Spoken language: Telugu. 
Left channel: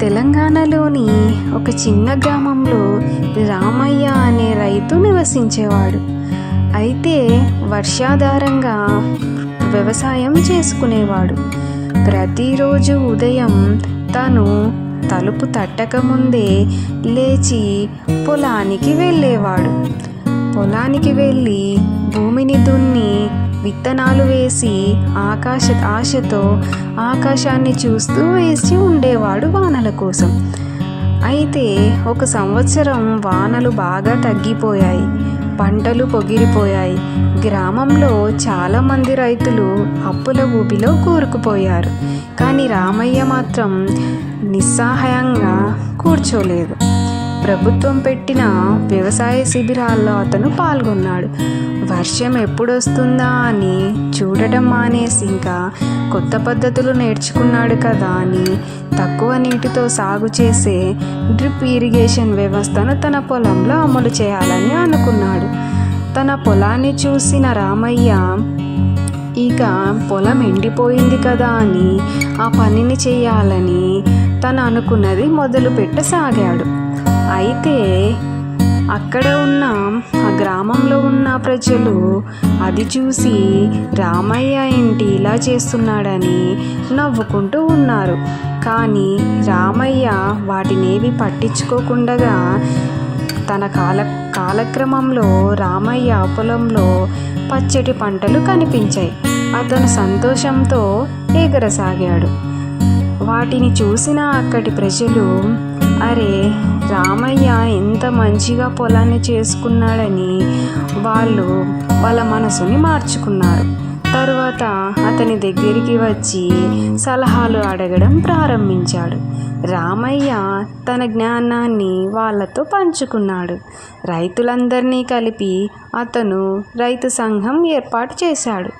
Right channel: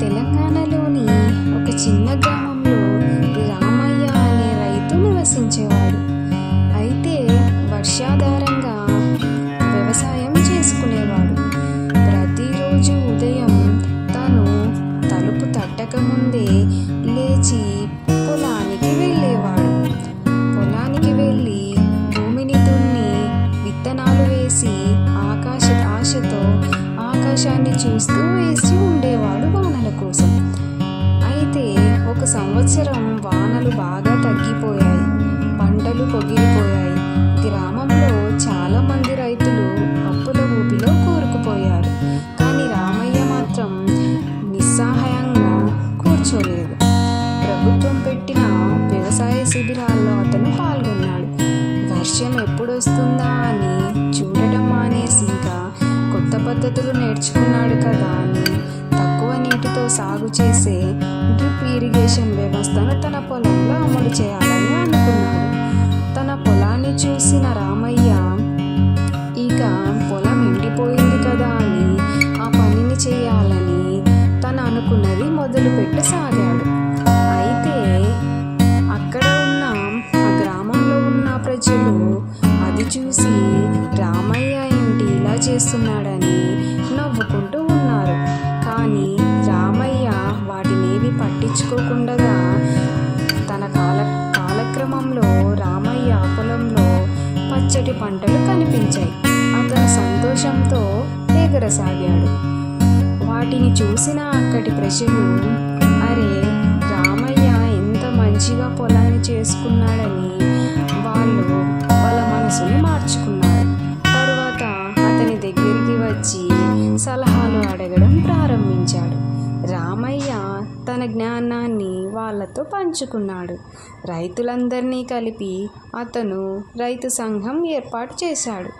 తెలంగాణలోని ఒక చిన్న గ్రామంలో రామయ్య అనే రైతు నివసించేవాడు. అయితే వర్షాధారంగా వ్యవసాయం చేసుకునేవాడు. ప్రతిరోజు ఉదయం తను తలుపు తట్టకముందే లేచి పొలానికి వెళ్ళేవాడు. పొలానికి వెళ్ళి భూమిని దున్ని విత్తనాలు వేసి ఆశతో ఆకాశాన్ని చూస్తూ వేసి ఉండేవాడు వానల కోసం. అయితే ఒక సంవత్సరం వానలు బాగా తగ్గిపోయాయి, పంటలు పొగిరిపోయాయి. గ్రామంలో చాలామంది రైతులు అప్పుల ఊబిలో కూరుకుపోయారు. కానీ రామయ్య మాత్రం నిస్సహాయంగా కూర్చోలేదు. ప్రభుత్వం పెట్టిన వ్యవసాయ శిబిరాల్లో అతను పాల్గొన్నాడు. వర్షం ఎప్పుడొస్తుందా అని చూడటం మానేసి ఇంకా కొత్త పద్ధతులు నేర్చుకున్నాడు కదా అని తక్కువ నీటితో సాగు చేసే డ్రిప్ ఇరిగేషన్ వ్యవస్థను తన పొలంలో అమలు చేయాలని అనుకున్నాడు. తన పొలాన్ని చూసిన రామయ్య ఇక పొలం ఎండిపోయింది కదా అని ఆ పనిని చేయాలని తను అనుకున్నది మొదలు పెట్టసాగాడు. అయితే అక్కడ ఉన్న ఆ గ్రామంలో ఉన్న ప్రజలు అది చూసి రామయ్య ఏంటి ఇలా చేస్తున్నాడని నవ్వుకుంటూ ఉన్నారు. కానీ రామయ్య వాటినేవి పట్టించుకోకుండా తన కాలక్రమంలో రామయ్య పొలంలో పచ్చటి పంటలు కనిపించాయి. అతను సంతోషంతో ఎగరసాగాడు. వాటిని చూసిన అక్కడి ప్రజలు అరే రామయ్య ఎంత మంచిగా పొలాన్ని చేసుకున్నాడని వాళ్ళ మనసుని మార్చుకున్నారు. తరువాత అతని దగ్గరికి వచ్చి సలహాలు అడగడం ప్రారంభించాడు. రామయ్య తన జ్ఞానాన్ని వాళ్ళతో పంచుకున్నాడు. రైతులందరినీ కలిపి అతను రైతు సంఘం ఏర్పాటు చేశాడు.